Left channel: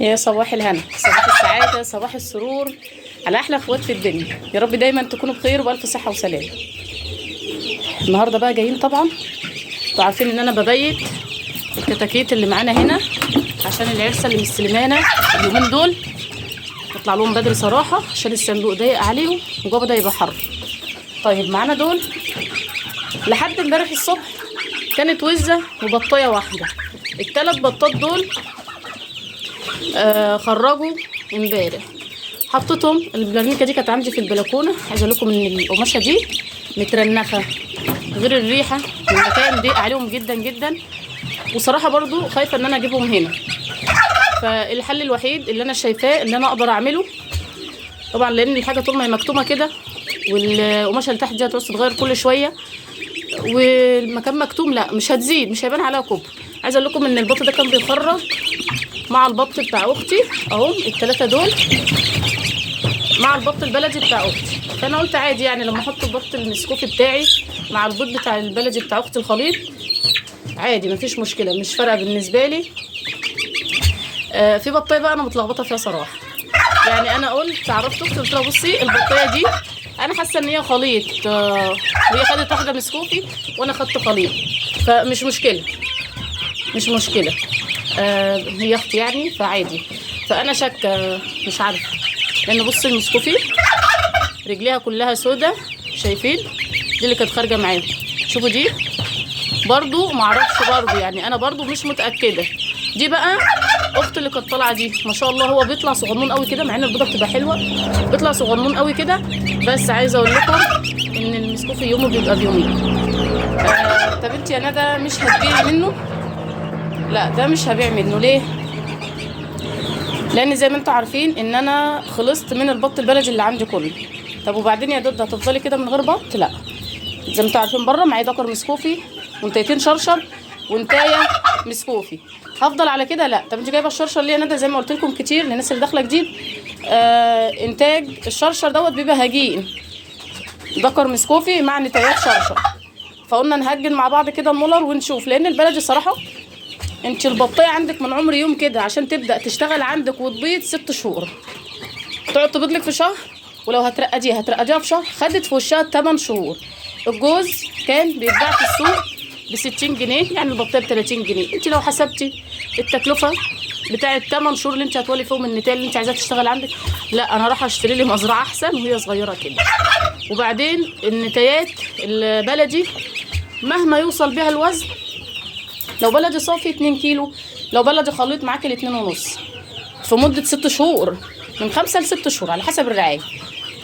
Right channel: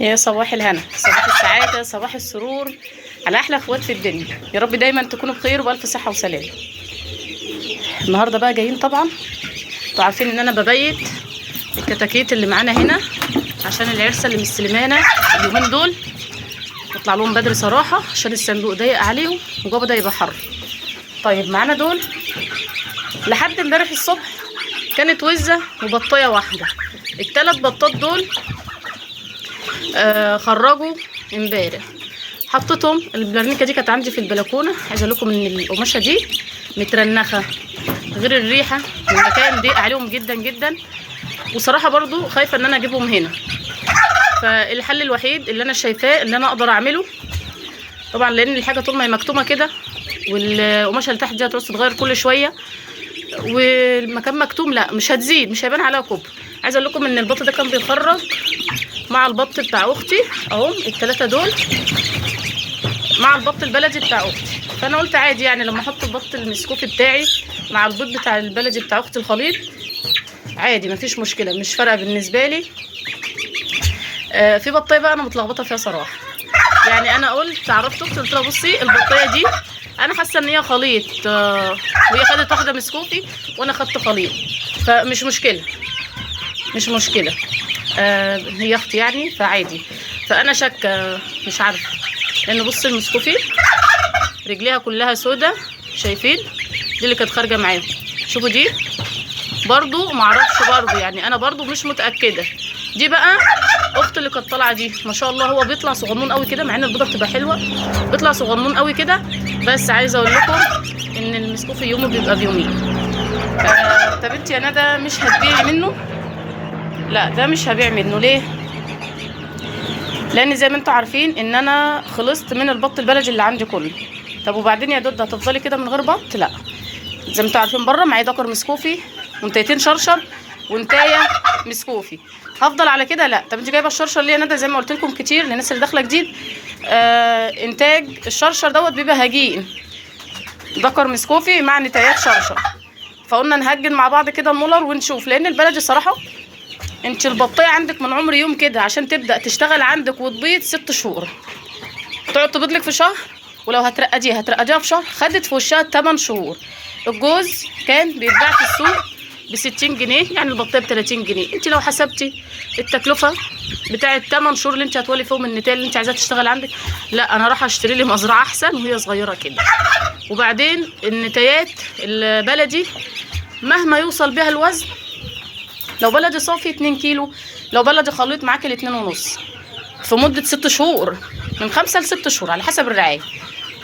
يا صباح الهنا، صباح السعادة، صباح السرور على أحلى أخوات في الدنيا. يا رب دايما تكونوا بخير وبألف صحة وسلام. النهاردة بقى جايين، طبعا انتوا عارفين إن أنا ببيت الكتاكيت اللي معانا هنا عشان العرسة اللي مستلمانا اليومين دول نطلع لهم بدري صراحة عشان الصندوق ضيق عليهم وجوه بدأ يبقى حر. طيب معانا دول لحد امبارح الصبح كانت وزة وبطاية واحدة. الثلاث بطات دول خرجوا امبارح، حطيتهم. البلانيكه دي كانت عندي في البلكونه. عايزه اقول لكم ان القماشه دي مترنخه، غير الريحه المكان ضيق عليهم جدا جدا، وصراحه برضو خايفه ان انا اجيبهم هنا. فالحل الوحيد اللي انا شايفاه ان انا اقدر اعمله، طبعا لان الحاجه طول ما هي مكتومه كده والقماشه اللي تحت دي هتعوز تتغير كل شويه والمكان مكتوم، لا مش هتزيد، مش هيبان عليها كوب. عايزه اقول لكم ان البط ده كان بيخرج مع البط بتاع اختي اهو، الثلاثه دول مع البط البلدي بتاع اختي. فانا قلت عادي يعني لما احط البط المسكوفي بتاعي مع البيض بتاع البلدي بتاع اختي الخليط عادي مفيش مشكله، مش فارقه بالنسبه لي. في بطايه بقى انا متلخبطه فيها صراحه. يعني انا عرفت اختي قلت لها بصي البطايه دي انا حاسه ان هي خليط، وهي خدت واحده مسكوفي وانا خدت خليط، فمش مشكله مش مشكله. هي اختي يعني فعادي. فانا شاكه مش عارفه، لان بص المسكوفي رجليها كلها سودا، شايفين دي اللي كانت خارجه معاهم. شوفوا دي برضو معرفش، برضو يعني انا برضو مش متاكده. دي بقى اختي اللي كانت طالعه دي ما شاء الله، هو بيطلع صغنون قوي كده، مع ان البيضه بتبقى حلوه بيطلع صغنون قوي كده. بس عايزه اقول لكم ان المسكوفي يومه بيبقى بيومين. طب انت يا ندى مش هتبيعي منه؟ لا ده مش هبيع منه. ليه؟ لان زي ما انتوا عارفين ان انا خلصت من البط البلدي اللي عندي كله. طب وبعدين يا دود هتفضلي كده من غير بط؟ لا، زي ما انتوا عارفين بره معايا دكر مسكوفي وانتايتين شرشر وانتايه مسكوفي، هفضل على كده؟ لا. طب انت جايبه الشرشر ليه يا ندى؟ زي ما قلت لكم كتير للناس اللي داخله جديد، انتاج الشرشر دوت بيبقى هجين، دكر مسكوفي مع نتايات شرشر. فقلنا نهجن مع بعض كده المولر ونشوف، لان البلدي صراحه انت البطايه عندك من عمر يوم كده عشان تبدا تشتغل عندك وتبيض 6 شهور، تقعد تبيض لك في شهر، ولو هترقديها في شهر، خدت في وشها 8 شهور. الجوز كان بيتباع في السوق ب 60 جنيه، يعني البطايه ب 30 جنيه. انت لو حسبتي التكلفه بتاعه 8 شهور اللي انت هتولي فيهم النتايه اللي انت عايزاها تشتغل عندك، لا انا راح اشتري لي مزرعه احسن وهي صغيره كده. وبعدين النتايات البلدي مهما يوصل بيها الوزن، لو بلدي صافي 2 كيلو، لو بلدي خليط معاكي ل 2.5 في مدة 6 شهور، من 5 ل6 شهور على حسب الرعاية.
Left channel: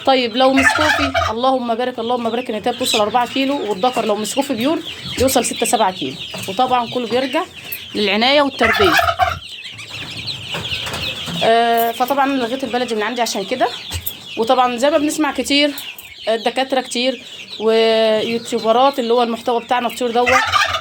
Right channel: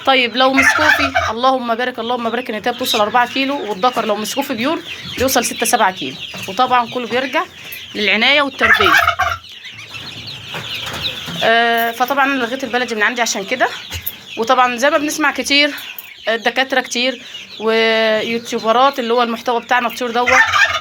طيب لو مسكوفي اللهم بارك اللهم بارك النتاية بتوصل 4 كيلو، والذكر لو مسكوفي بيور بيوصل 6-7 كيلو. وطبعا كله بيرجع للعناية والتربية. فطبعا انا لغيت البلدي من عندي عشان كده. وطبعا زي ما بنسمع كتير الدكاترة كتير ويوتيوبرات اللي هو المحتوى بتاعنا كتير دوت،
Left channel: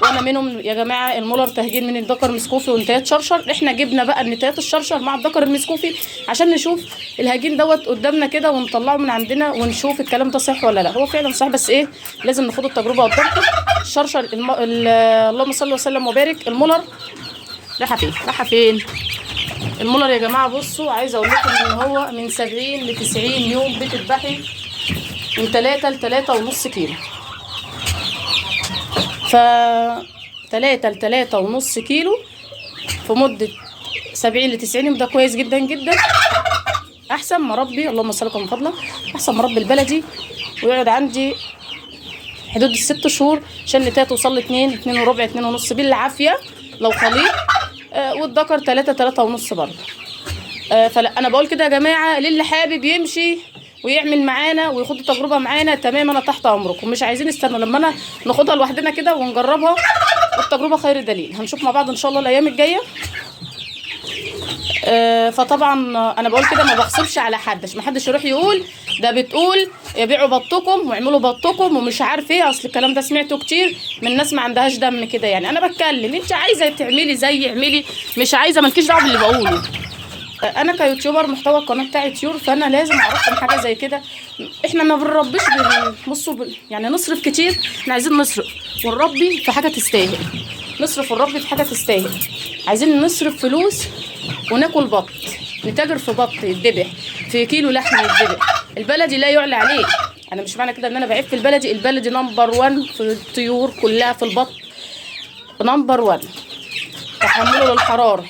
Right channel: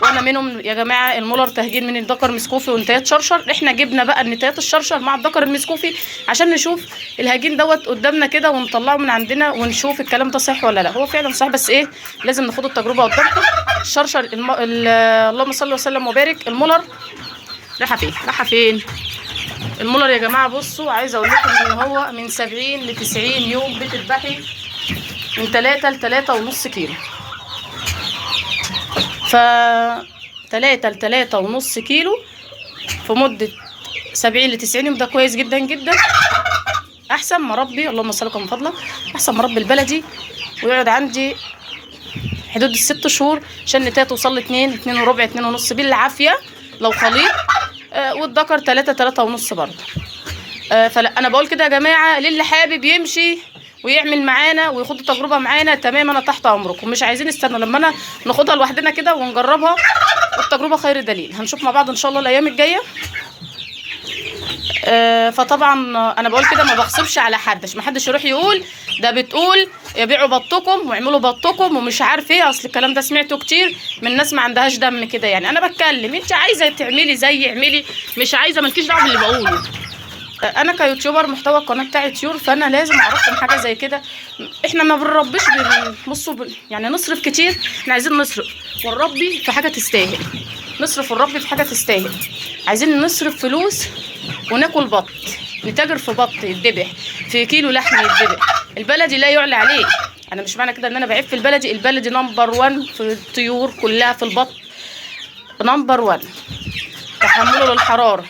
وانا منهم يا جماعه، المولر تهجين من الذكر مسكوفي ونتايات شرشر. احنا جبنا بقى النتايات الشرشر مع الذكر المسكوفي عشان نشوف الهجين دوت قدامنا كده ونطلعه من عندنا ونشوف الكلام ده صح ولا لا. هو فعلا صح، بس ايه، لازم ناخد التجربه قدامكم. الشرشر اللهم صل وسلم وبارك، المولر راح فين المولر يا جماعه؟ بصوا عايزه اقول لكم ان هو من 70 ل 90 يوم بتذبحي من 3 ل 3.5 كيلو. ف 3 ل 3.5 كيلو في مدة 70 ل 90 يوم، ده كويس جدا جدا. احسن ما ربي، اللهم صل وسلم من فضلك، احسن ما ربي البلدي ويقعد عندي حدود ال6 شهور عشان النتايه توصل ل 2 وربع 2.5 بالعافيه لو خليط، والذكر 3.5 برضه. فلا انا بقول كده يا جماعه، للي حابب يمشي ويعمل معانا وياخد تجربه معانا تمام، انا تحت امركم. مش عايزين نستنى لما انا ناخدها لوحدنا كده ونجربها، والتجربه خير دليل. هنشوف مع بعض ان شاء الله الايام الجايه. فطبعا انا بقول كده ما بغصبش على حد عشان ما حدش يروح يقول ده بتقول يبيعوا بطكم واعملوا بطكم ومش عارف ايه. اصل الكلام ده سمعته كتير من ناس ما عندهاش دم كده. يعني انا بتكلم، انت عايزه تعملي زي اعملي، مش عايزه مالكيش دعوه باللي بقوله. انا كيوتيوبر محتوى القناه بتاعي طيور، فانا لازم اعرفكم حاجه زي كده. احنا ما بنربيش يعني نصرف كتير، احنا عايزين نصرف ونربي في حاجه تستاهل، نصرف ونربي في حاجه تستاهل. عايزين نصرف فلوس وناكل بط، نتاجر في بط يتذبح، في كيلو لحم يتذبح. البلدي لا يعلى عليه. انا مش معنى كده ان انا بعيب في البلدي، البلدي نمبر 1 في الطيور كلها، في البط نمبر 1. تحمله للحراره،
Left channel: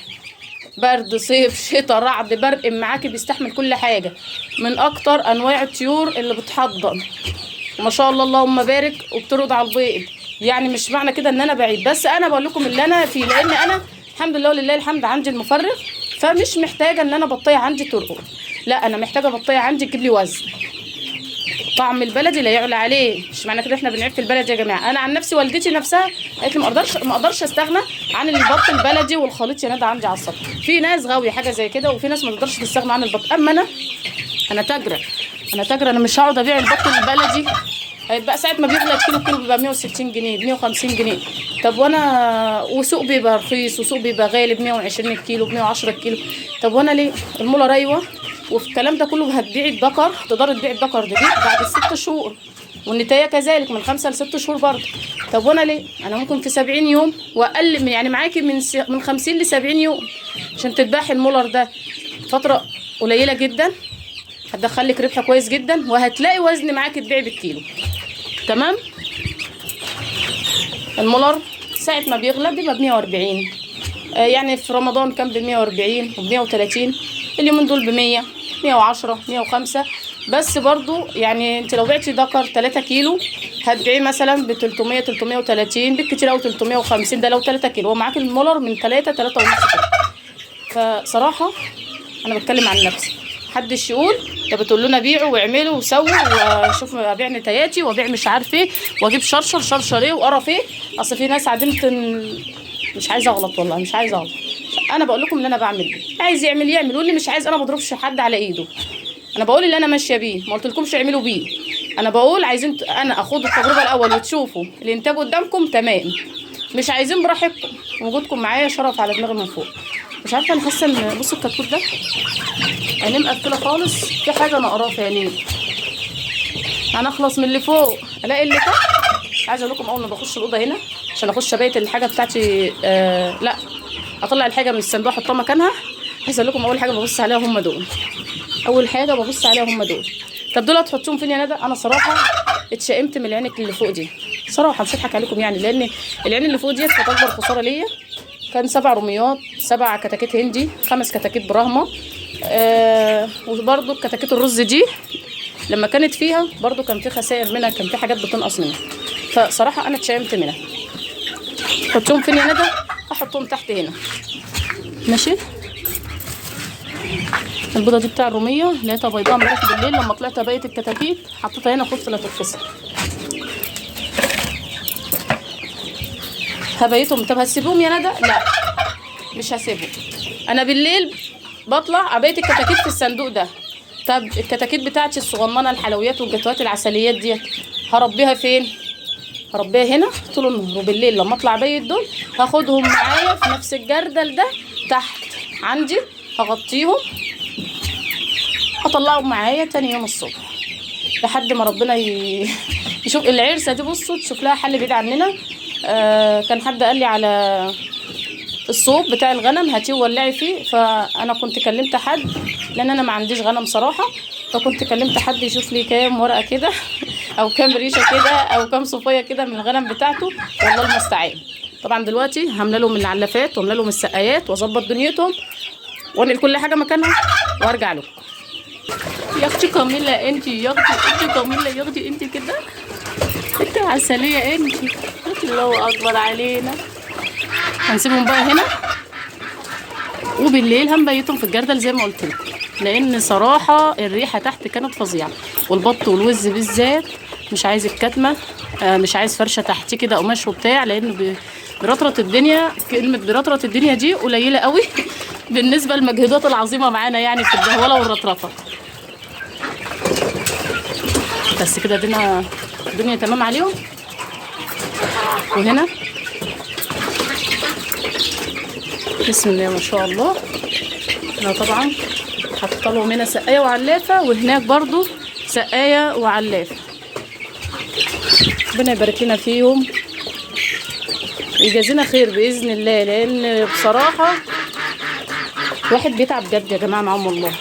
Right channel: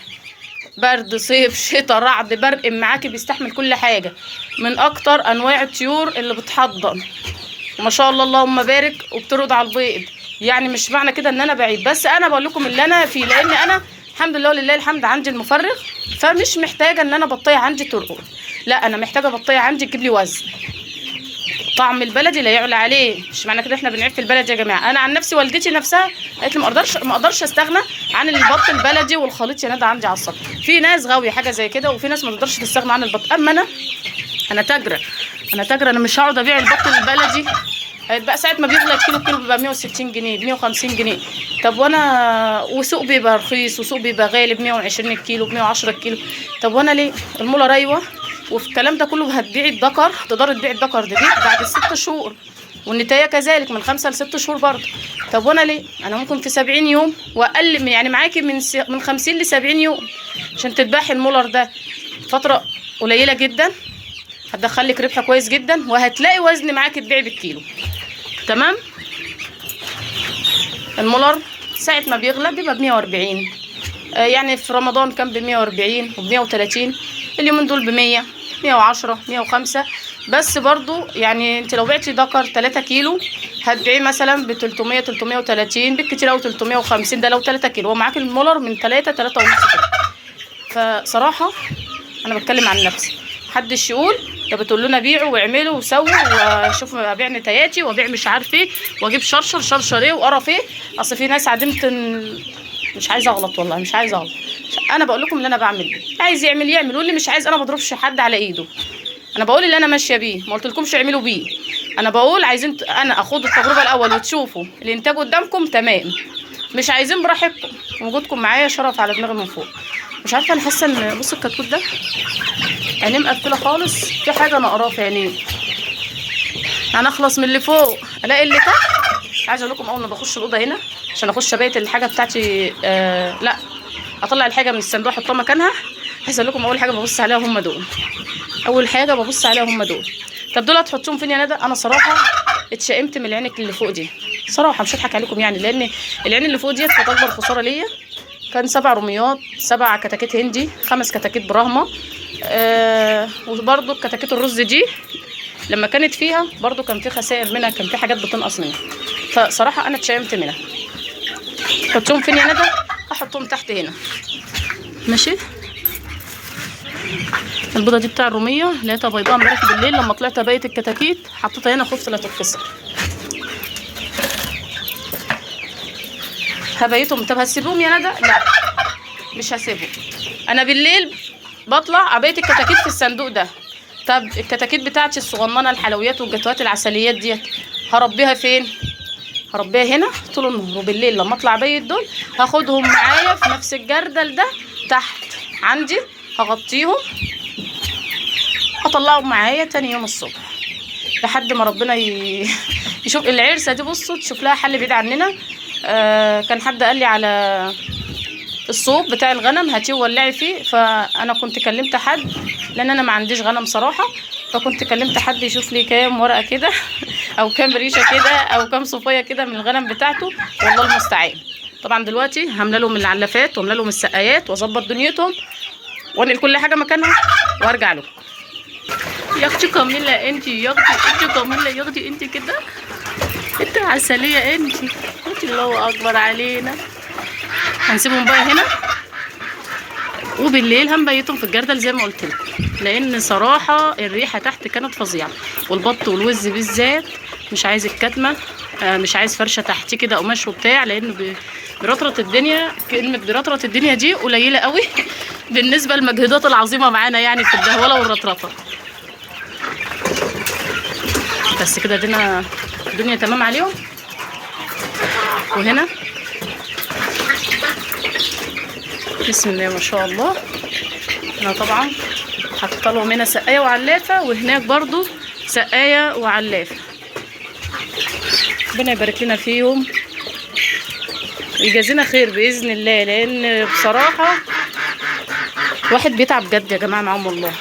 برد، صيف، شتاء، رعد، برق معاكي، بيستحمل كل حاجه، من اكتر انواع الطيور اللي بتحضن، وما شاء الله اللهم بارك، وبترد على البيض. يعني مش معنى كده ان انا بعيد، بس انا بقول لكم اللي انا فيه، لان انا الحمد لله ولله الحمد عندي المفرغ، فمش محتاجه ان انا بطيه عندي ترقد، لا انا محتاجه بطيه عندي تجيب لي وزن. طعم البلدي لا يعلى عليه. مش معنى كده احنا بنعيب في البلد يا جماعه. انا عن نفسي والدتي نفسها قالت لي ما اقدرش استغنى عن البط البلدي والخليط يا ندى عندي على السطح. في ناس غاويه حاجه زي كده، وفي ناس ما تقدرش تستغنى عن البط. اما انا تاجره، انا مش هقعد ابيع البط البلدي. هيبقى ساعه ما بيغلى الكيلو بيبقى 160 جنيه، ب 150 جنيه. طب وانا وسوق بيبقى رخيص وسوق بيبقى غالي، ب 120 الكيلو، ب 110 الكيلو. طب وانا ليه؟ الموله رايوه. وفي الكلام ده كله هتبيعي الذكر، تقدري تبيعي الذكر ده بعد ال6 شهور، والنتايه كذلك من 5 ل6 شهور برضه. طب وانا ليه؟ انا ممكن في 70 يوم واقل من، يعني معاكي من 50 ل 70 يوم عشان تذبحي المولر ده، فتره قليله جدا، هتدخلك ربح كويس جدا، وهتلاقي وزن معاكي تبيعي بالكيلو. تمام. المولر ساعه ما بيغلى بيبقى ب 140، يعني في رمضان كان ب 140 وب 130، اليومين دول ب 100 110 105. بس برضو يعني انت لو بعتي ذكر 3 كيلو هتبيعيه مثلا ب 300 330 بالكتير، او 350 ده لو 3 كيلو، ومعاك المولر من 3 3 ونص كده. فصراحه انا بتكلم عن نفسي، محدش يقول ده بتقول لنا بيعوا واعملوا وسووا وشوفوا ابيع نتاياتي وابيع مش عارف ايه واجيب شرشر ايه وقرف ايه. اصل في ناس عدمت، مش عايزه اغلط والله، مش عايزه اغلط. انا بقول لكم اللي انا بعمل بيه، عايز يعمل واللي مش عايز انا ما بضربش حد على ايده. انا بقول اللي انا ماشيه بيه، ما قلتلكمش اعملوا بيه. انا بقول عايزين انا اخد التجربه الاول وتشوفوا الانتاج قدامكم، تمام. مش عايزين براحتكم، وجودكم معايا شرف على دماغي من فوق. مش عارفه، انا حاسه ان بص الكتكوت ده عينيه مقفله خالص، في حاجه نقراه في عينيه. انا اخلص من اللي فوق الاقي اللي تحت. عايزه اقول لكم اول ما بخش الاوضه هنا عشان اخش ابيت الحاجه بتاعتي، لا اطلع الحاجه من الصندوق احطها مكانها. عايزه اقول لكم اول حاجه ببص عليها هم دول، اول حاجه ببص عليها هم دول. طب دول هتحطوهم فين يا ندى؟ انا صراحه اتشائمت من العينك اللي فوق دي صراحه، مش هضحك عليكم يعني، لان العين اللي فوق دي كانت اكبر خساره ليا. كان 7 رميات، 7 كتاكيت هندي، 5 كتاكيت براهما، وبرده كتاكيت الرز دي لما كانت فيها برده كان في خسائر منها، كان في حاجات بتنقص منها. فصراحه انا اتشائمت منها. حطهم فين يا ندى؟ احطهم تحت هنا، ماشي. البيضه دي بتاع الروميه لقيتها بيضاء امبارح بالليل، لما طلعت ابيت الكتاكيت حطيتها هنا، خفت لا تتكسر. هبيتهم. طب هتسيبهم يا ندى؟ لا مش هسيبهم. انا بالليل بطلع ابيت الكتاكيت في الصندوق ده. طب الكتاكيت بتاعتي الصغننه، الحلويات والجاتوهات العسليات ديت هربيها فين؟ هربيها هنا طول النهار، وبالليل لما اطلع ابيت دول هاخدهم معايا في نفس الجردل ده تحت عندي، هغطيهم هطلعهم معايا تاني يوم الصبح لحد ما ربنا يشوف العرسه دي. بصوا تشوف لها حل بعيد عننا. كان حد قال لي على الصوب بتاع الغنم هاتيه وولعي فيه، فانا كنت كلمت حد لان انا ما عنديش غنم صراحه، فكنت كلمت حد يشوف لي كام ورقه كده او كام ريشه كده او كام صفيه كده من الغنم بتاعته، والله المستعان. طبعا دلوقتي هملى لهم العلافات واملى لهم السقايات واظبط دنيتهم وانقل كل حاجه مكانها وارجع لكم. يا اختي كاميله انت، يا اختي انت كاميله، يا اختي انت كده انت عسليه انت. الله اكبر علينا. هنسيبهم بقى هنا، وبالليل هنبيتهم في الجردل زي ما قلت لكم، لان صراحه الريحه تحت كانت فظيعه، والبط والوز بالذات مش عايز الكتمه، مش عايز فرشه تحتيه كده قماش وبتاع، لانه برطرة الدنيا. كلمه برطرة الدنيا دي قليله قوي بالنسبه للمجهودات العظيمه معانا يعني في الدهوله والرطرطه. بس كده الدنيا تمام عليهم. وهنا بسم الله ما شاء الله، انا طبعا حاطه لهم هنا سقايه وعلافه، وهناك برضو سقايه وعلافه. ربنا يبارك لنا فيهم ويجازينا خير باذن الله، لان بصراحه واحد بيتعب بجد يا جماعه معاهم والله.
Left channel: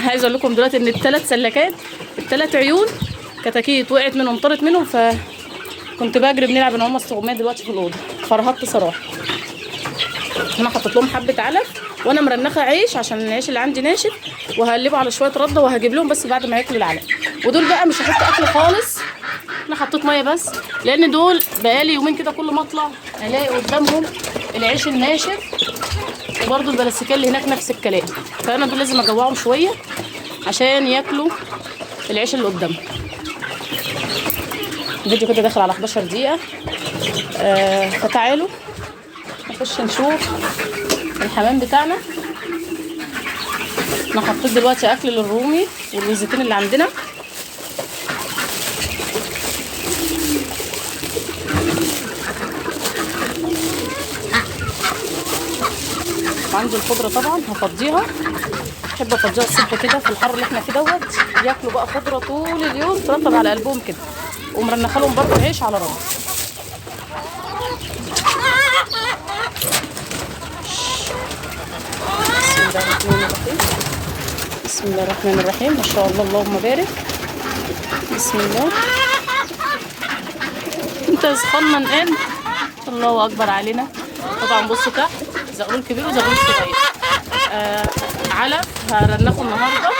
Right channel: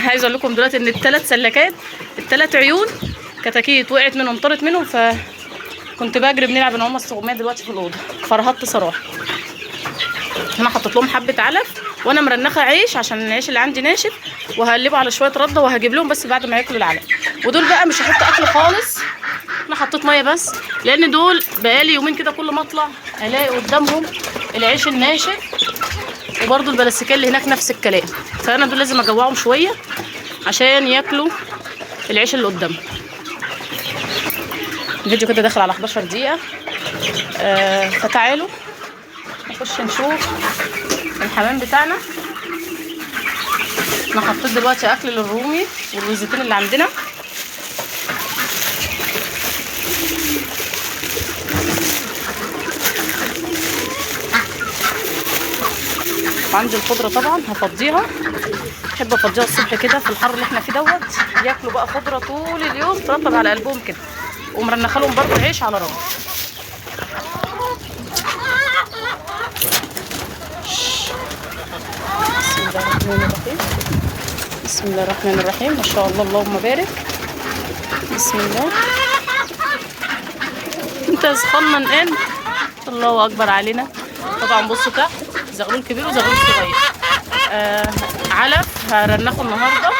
عايزه اقول لكم دلوقتي ان الثلاث سلكات، الثلاث عيون كتاكيت وقعت منهم، طارت منهم، فكنت بجري بنلعب ان هم الصغميه دلوقتي في الاوضه، فرهطت صراحه. انا حطيت لهم حبه علف وانا مرنخه عيش عشان العيش اللي عندي ناشف، وهقلبه على شويه رده وهجيب لهم بس بعد ما ياكلوا العلف. ودول بقى مش هحط اكل خالص، انا حطيت ميه بس، لان دول بقالي يومين كده كل ما اطلع الاقي قدامهم العيش الناشف، وبرده البلاستيكيه اللي هناك نفس الكلام. فانا دول لازم اجوعهم شويه عشان ياكلوا العيش اللي قدامهم. الفيديو كده داخل على 11 دقيقه. فتعالوا نخش نشوف الحمام بتاعنا. انا حطيت دلوقتي اكل للرومي والوزتين اللي عندنا. عندي الخضره طبعا هفضيها، بحب افضيها الصبح كده في الحر اللي احنا فيه دوت، بياكلوا بقى خضره طول اليوم ترطب على قلبهم كده، ومرنخه لهم برضه عيش على رمل. بسم الله الرحمن الرحيم، ما شاء الله اللهم بارك. بسم الله. انت صغنن الان، الله اكبر علينا. طبعا بصوا تحت زغلول كبير وزغلول صغير. علف هرنخه النهارده،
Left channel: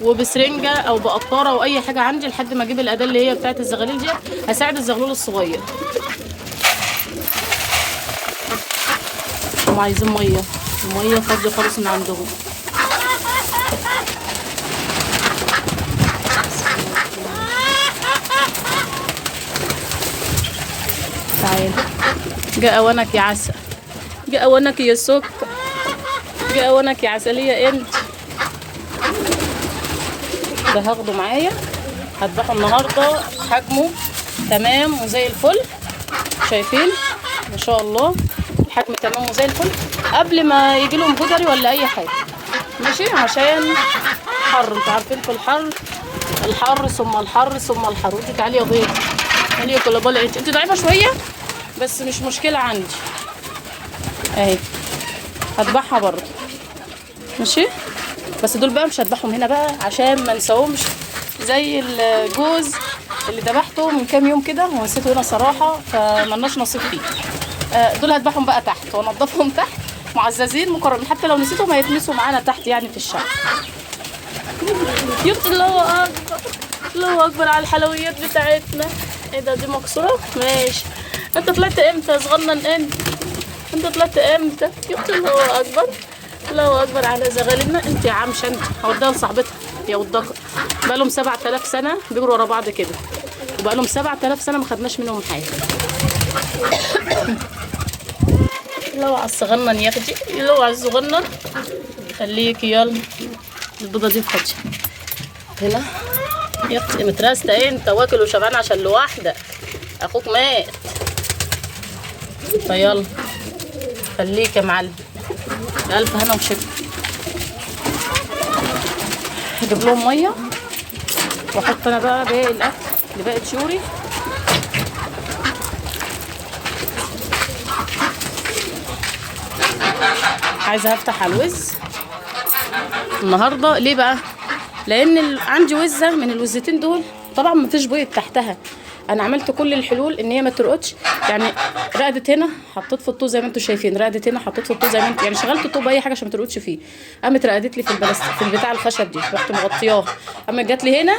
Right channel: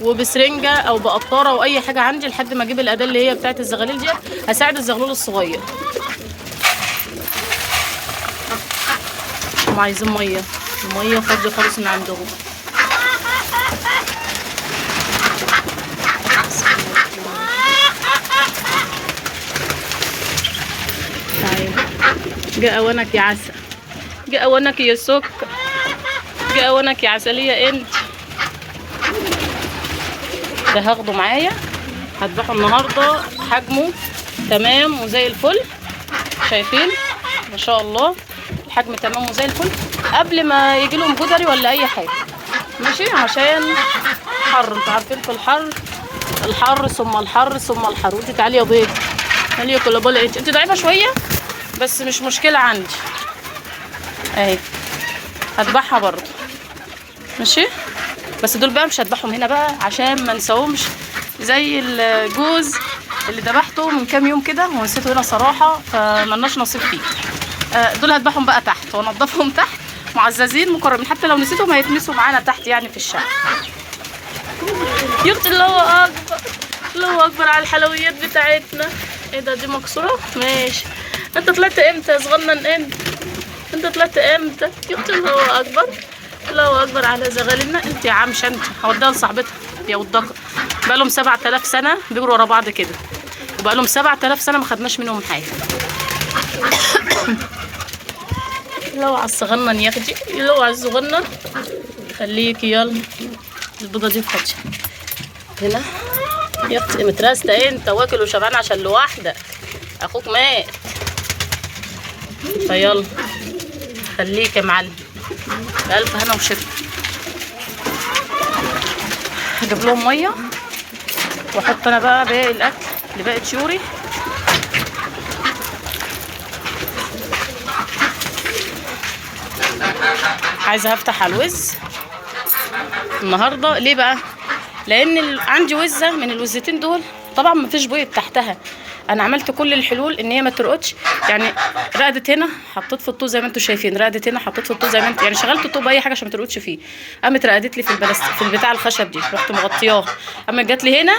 وبسرنجه او بقطاره او اي حاجه عندي لحد ما اجيب الاداه اللي هي بتاعت الزغاليل دي، هساعد الزغلول الصغير. هم عايزين ميه، الميه فاضيه خالص من عندهم. تعالي، جاء اوانك يا عسل، جاء اوانك يا سكر، جاء اوانك يا عسليه انت. ده هاخده معايا، هذبحه النهارده، حجمه تمام وزي الفل. شايفين ما شاء الله الحجم تمام وزي الفل، قبل ما يجي لهم جدري ولا اي حاجه، ماشي؟ عشان حر، انتوا عارفين في الحر، الحر ثم الحر ثم الحر. ودي تعالي يا بيض، تعالي يا كلابال، انت ضعيفه شويه بس مش مشكله عندي اهي، هذبحها برضه ماشي. بس دول بقى مش هذبحهم هنا بقى عشان ما نساهمش زي الجوز اللي ذبحته من كام يوم كده ونسيته هنا صراحه، فملناش نصيب فيه. دول هذبحهم بقى تحت وانضفهم تحت، معززين مكرمين، حتى لو نسيتهم هيتمسوا معانا تحت يعني في الشارع. يا اختي الله اكبر، الله اكبر على الحلويات بتاعتنا. ايه ده، دي مكسوره؟ ماشي. انت طلعت امتى يا صغنن انت؟ انت طلعت امتى يا اختي؟ الله اكبر، الله اكبر على زغالنا. انت يا عم شنت هوديها لصاحبتها يا ودكر، بقالهم 7000 سنه بيجروا ورا بعض كده، وبقالهم 7000 سنه ما خدناش منهم حاجه. لو على الصغنن يا اختي، لو على الصغنن. خليكي يلا، البيضه دي فاضيه هنا يا اختي. متراسته انت واكل وشبعان عشان لوحدك، اخوك مات. فيلا خليك يا معلم، بألف هنا وشفا. هجيب لهم ميه واحط انا بقى باقي الاكل اللي باقي طيوري. عايزه افتح على الوز النهارده. ليه بقى؟ لان عندي وزه من الوزتين دول طبعا مفيش بيض تحتها. انا عملت كل الحلول ان هي ما ترقدش، يعني رقدت هنا حطيت في الطوب زي ما انتم شايفين، رقدت هنا حطيت في الطوب زي ما انتم، يعني شغلت الطوب اي حاجه عشان ما ترقدش فيه. قامت رقدت لي في البتاع الخشب دي، رحت مغطياها. قامت جات لي هنا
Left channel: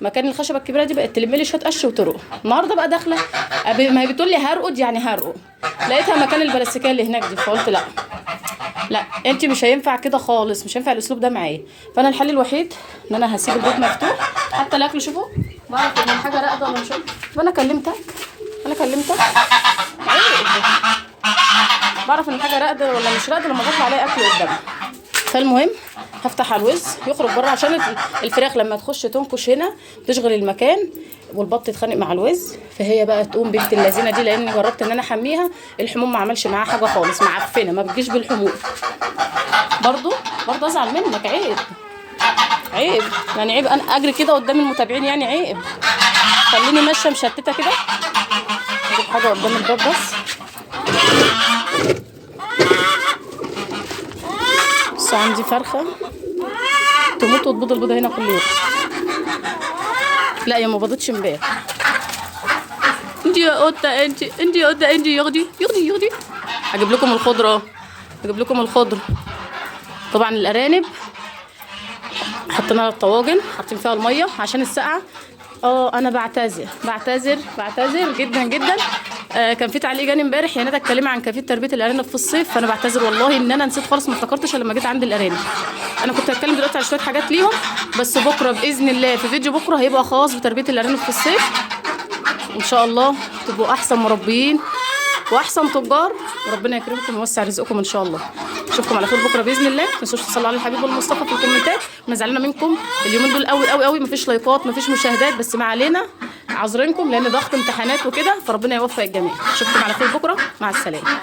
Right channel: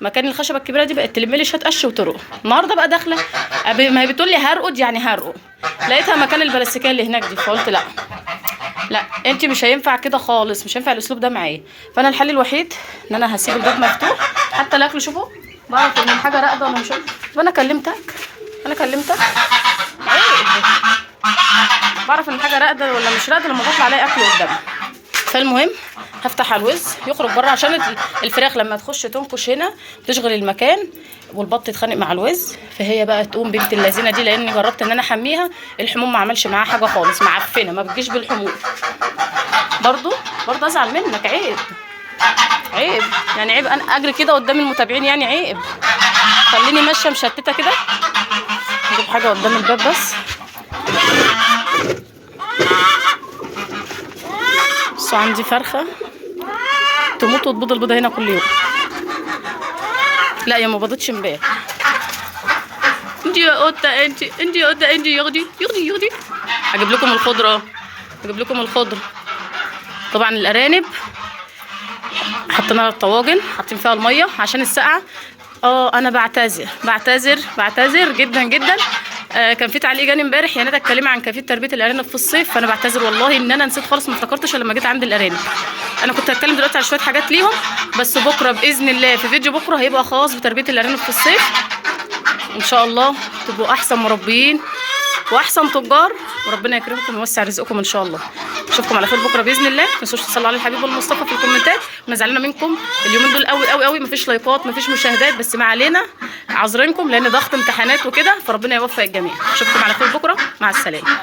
مكان الخشبه الكبيره دي، بقت تلم لي شويه قش وترقد. النهارده بقى داخله ما هي بتقول لي هرقد، يعني هرقد، لقيتها مكان البلاستيكيه اللي هناك دي، فقلت لا لا انت مش هينفع كده خالص، مش هينفع الاسلوب ده معايا. فانا الحل الوحيد ان انا هسيب الباب مفتوح حتى الاكل. شوفوا بعرف ان الحاجه راقده ولا مش راقده. انا كلمتك، انا كلمتك عيب، بعرف ان الحاجه راقده ولا مش راقده لما بطلع الاقي اكل قدامي. فالمهم هفتح على الوز يخرج بره، عشان الفراخ لما تخش تنكش هنا تشغل المكان والبط يتخانق مع الوز، فهي بقى تقوم بنت اللذينه دي، لاني جربت ان انا احميها الحموم ما عملش معاها حاجه خالص، معفنه ما بتجيش بالحموم. برضو ازعل منك، عيب عيب يعني، عيب انا اجري كده قدام المتابعين يعني، عيب. خليني ماشيه مشتته كده. نجيب حاجه قدام الباب بس. بصوا عندي فرخه تموت وتبيض البيضه هنا كل يوم. لا يا ما بيضتش امبارح. انت يا قطه انت يا قطه انت ياخدي. هجيب لكم الخضره، طبعا الارانب حطيناها الطواجن، حاطين فيها الميه عشان السقعه. انا بعتذر جدا جدا. كان في تعليق جاني امبارح يا ندى اتكلمي عن كيفيه تربيه الارانب في الصيف، فانا بعتذر والله ان انا نسيت خالص، ما افتكرتش لما جيت عند الارانب. انا كنت هتكلم دلوقتي على شويه حاجات ليهم، بس بكره باذن الله في فيديو بكره هيبقى خاص بتربيه الارانب في الصيف، ان شاء الله تبقوا احسن مربيين واحسن تجار، وربنا يكرمكم ويوسع رزقكم ان شاء الله. اشوفكم على خير بكره باذن الله. ما تنسوش تصلوا على الحبيب المصطفى في الكومنتات. انا زعلانه منكم اليومين دول قوي قوي قوي، مفيش لايكات مفيش مشاهدات، بس ما علينا، عذرينكم لان ضغط امتحانات وكده، فربنا يوفق الجميع. اشوفكم على خير بكره، مع السلامه.